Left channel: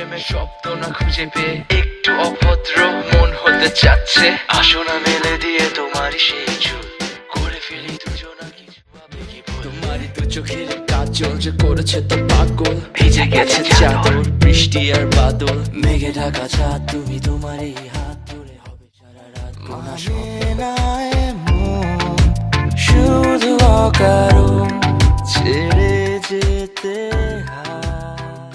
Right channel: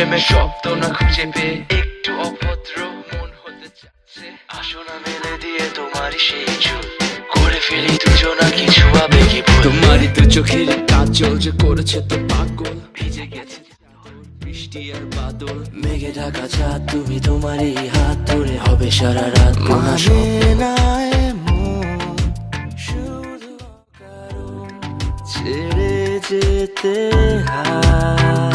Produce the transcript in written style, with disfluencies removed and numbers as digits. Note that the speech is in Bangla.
প্রেমের শব্দ না খুঁজে পেয়ে একটু অভদ্র মন হতে চাচ্ছে। আসো না মেলে দিয়ে তোমারই সেই চুল, করে ফেলি দুজনা কিছু আবেগী ভুল। তোমারই দু চোখের কাজল যে করেছে তো পাগল, ভিজে গেছে চাদর বৃষ্টি আর বাদল, মেঘে ঢাকা চাঁদ তুমি তোমারই হাত ধরে হবে সারা রাত। মানে না এমন শুধু অকারণ ছেড়ে যেতে হয়।